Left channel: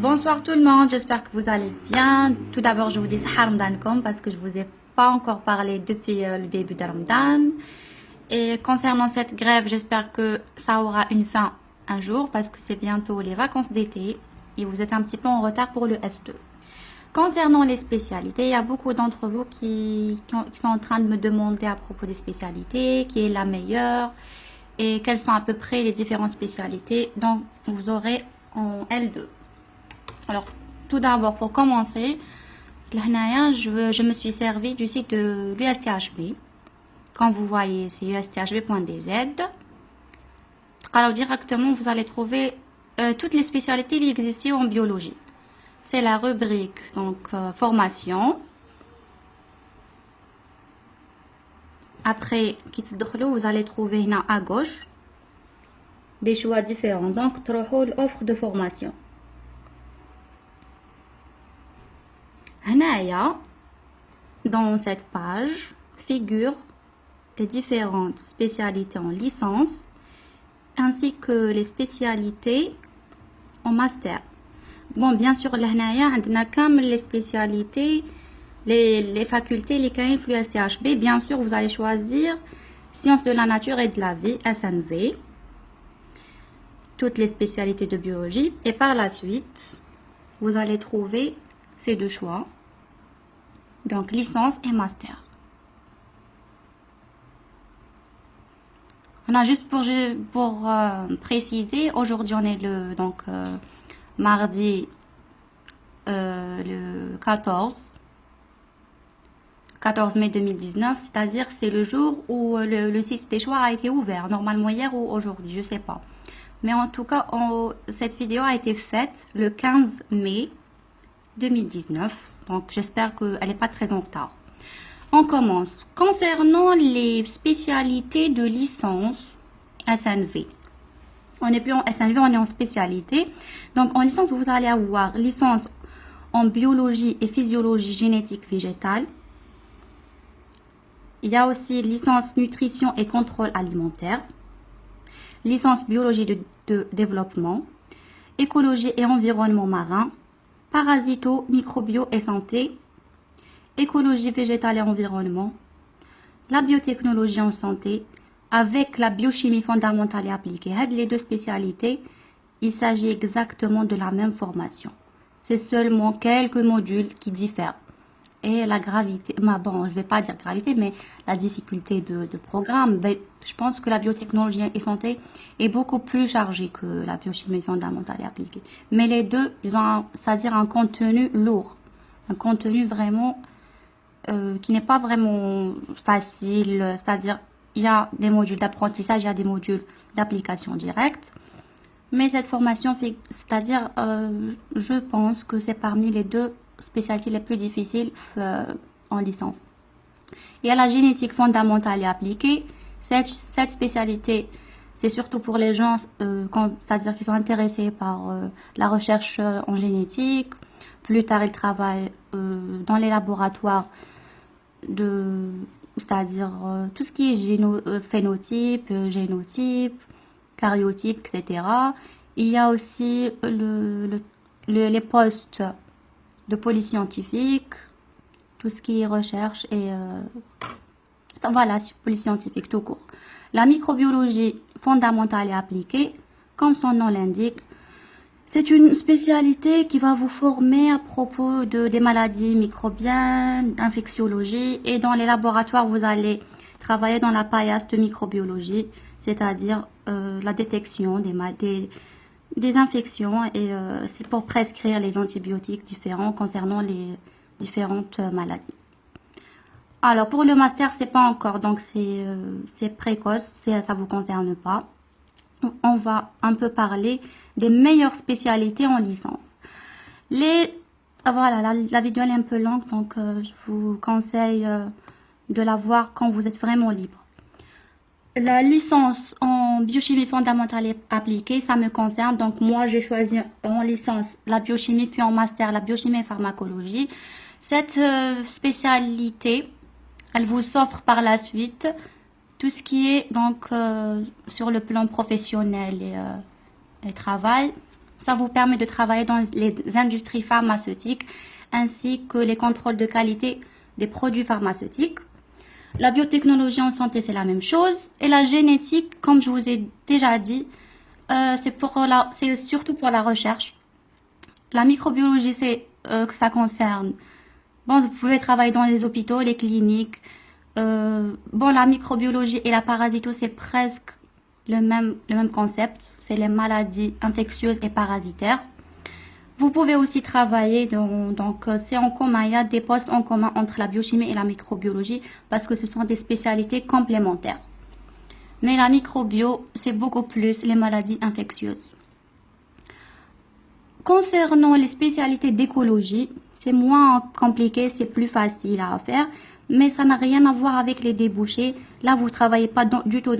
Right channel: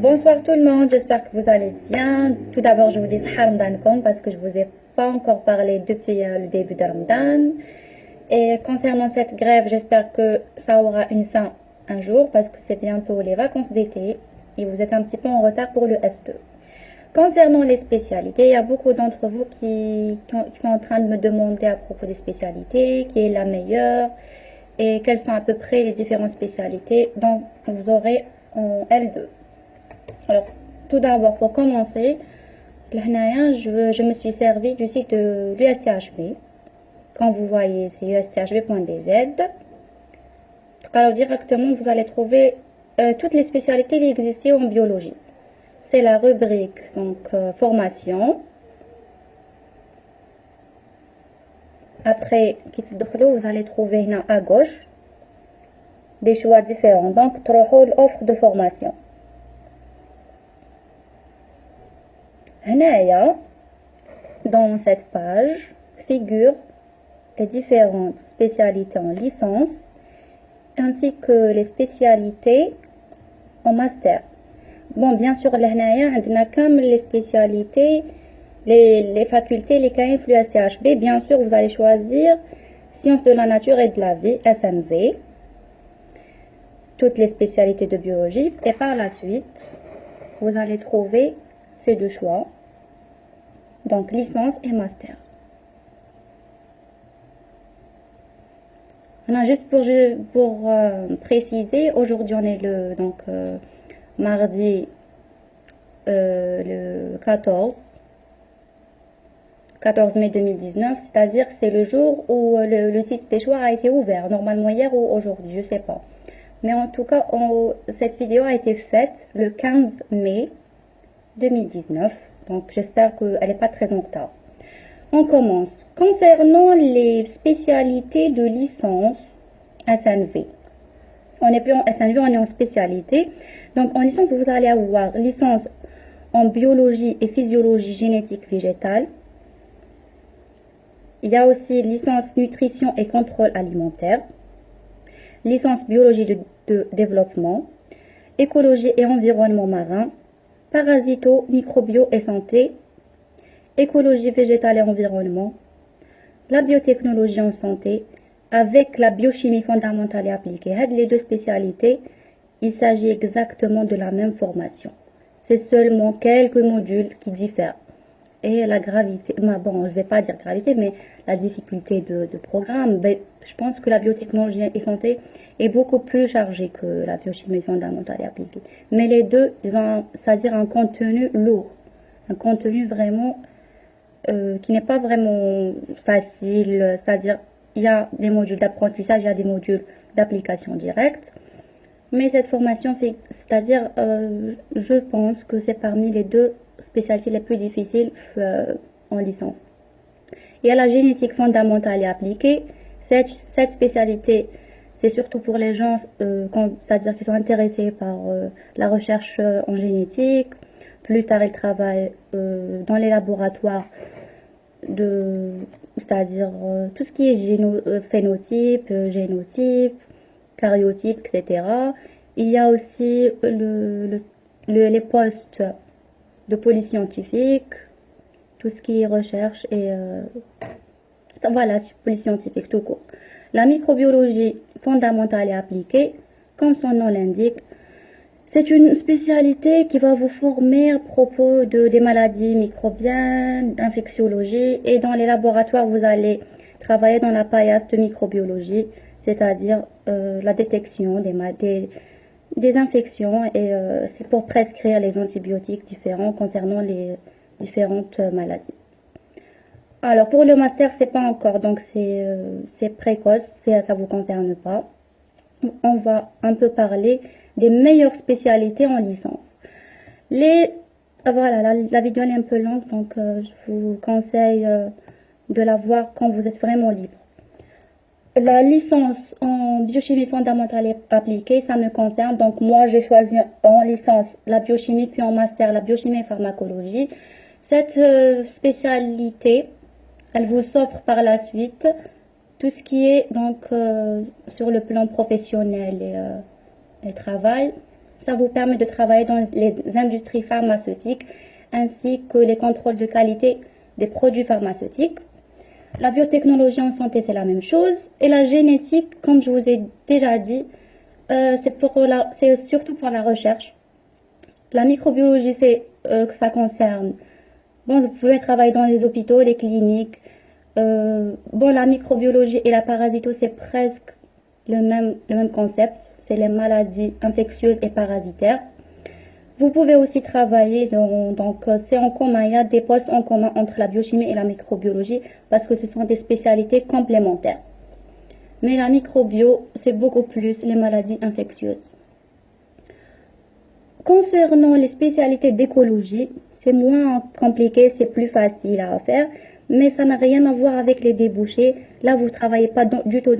Bonsoir tout le monde, j'espère que vous allez bien. Tout d'abord, je vous dis Sahar Ramadankom parce que je vous ai pas encore parlé depuis le début de Ramadan. Et concernant cette grève, j'espère que ça aura une fin un jour parce que c'est bientôt les vacances d'été et vous êtes un petit peu en retard pour le S2. Concernant les spécialités, il y a beaucoup d'entre vous qui sont en train de me demander à propos des spécialités, qui est la meilleure et quelles sont à peu près les différentes spécialités dont vous aurez en L2. Alors, tout d'abord, pour commencer, là, je me suis servi du site de l'USTHB. Quand vous voyez, c'est usthb.dz. Alors, directement, vous allez trouver toutes les spécialités qui existaient en biologie. C'est la rubrique, donc, formation. Après, vous allez trouver là, à gauche des choix différents. Donc, l'offre de formation. Dans cette page figurent les différentes spécialités en licence ainsi que les spécialités en master. Bon, bien sûr, là, on a comme les spécialités, les facultés, les CAIF, l'USTHB. Bien sûr, vous allez choisir sciences de la nature et de la vie, SNV, toutes les spécialités de biologie. Et par la suite, vous allez trouver ces deux choix. Donc, licence et master. On a juste pour préciser, aujourd'hui on est le mardi le 14 mai 2019, c'est-à-dire c'est le jour où le site des choix a été ouvert, normalement hier ou aujourd'hui, je sais pas. Mais en tout cas, cette vidéo a été faite le 15 mai 2019. Donc, j'espère qu'elle n'est pas très en retard. On commence. Concernant les spécialités de licence SNV. On n'est plus en SNV, on est en spécialité. Donc, en licence, vous allez avoir licence en biologie et physiologie génétique végétale. Il y a aussi licence nutrition et contrôle alimentaire. Licence biologie de développement. Écologie et environnement marin. Parasito, microbio et santé, écologie végétale et environnement, la biotechnologie en santé, avec la biochimie fondamentale et appliquée. Les deux spécialités, il s'agit exactement de la même formation. C'est seulement quelques modules qui diffèrent. Et la gravité, bon, je ne vais pas dire gravité, mais la difficulté de programme, je pense que la biotechnologie et santé est beaucoup plus chargée que la biochimie fondamentale et appliquée. Mais les deux, ils ont, c'est-à-dire un contenu lourd, un contenu vraiment qui n'est pas vraiment facile, c'est-à-dire il y a des modules d'apprentissage, il y a des modules d'application directe. Mais cette formation, c'est-à-dire, je pense que c'est parmi les deux spécialités les plus difficiles en licence. Il y a la génétique fondamentale et appliquée. Cette spécialité, c'est surtout pour les gens, c'est-à-dire qui sont intéressés par la recherche en génétique. Plus tard, ils travaillent dans les laboratoires c'est-à-dire tout ce qui est phénotype, génotype, cariotype, etc. Il y a aussi les postes de polyscientifique, tout ce qui est recherche et voilà, polyscientifique tout court. La microbiologie fondamentale et appliquée, comme son nom l'indique, c'est une spécialité qui va vous former à propos des maladies microbiennes, d'infectiologie, et dans les laboratoires, vous allez travailler dans la paillasse de microbiologie, c'est-à-dire la détection des infections, et c'est pour prescrire les antibiotiques différents concernant les différentes maladies. Alors pour le master, c'est pas encore, donc c'est précoce, ça vous concerne pas. On va un peu parler des meilleures spécialités en licence. Voilà, la vidéo est un peu longue, donc je vous conseille de la voir quand vous êtes vraiment libre. La licence en biochimie fondamentale et appliquée, ça me concerne. Donc moi, j'ai choisi en licence la biochimie, puis en master la biochimie et pharmacologie. Cette spécialité, elle vous offre par la suite tout ce qui est donc sur le plan professionnel et travail. Ça vous permet de travailler dans les industries pharmaceutiques ainsi que les contrôles de qualité des produits pharmaceutiques. La biotechnologie en santé, c'est la même chose. Et la génétique, comme je vous ai déjà dit, c'est surtout pour la recherche. La microbiologie, que ça concerne. Bon, vous pouvez travailler dans les hôpitaux, les cliniques. La microbiologie et la parasito, c'est presque le même concept. C'est les maladies infectieuses et parasitaires. Vous pouvez aussi travailler c'est en commun. Il y a des postes en commun entre la biochimie et la microbiologie parce que ce sont des spécialités complémentaires. Mais la microbio, c'est beaucoup plus les maladies infectieuses. Concernant les spécialités d'écologie, c'est moins compliqué, c'est plus facile à faire, mais ça n'a rien à voir avec les débouchés. Là, vous ne travaillez pas du tout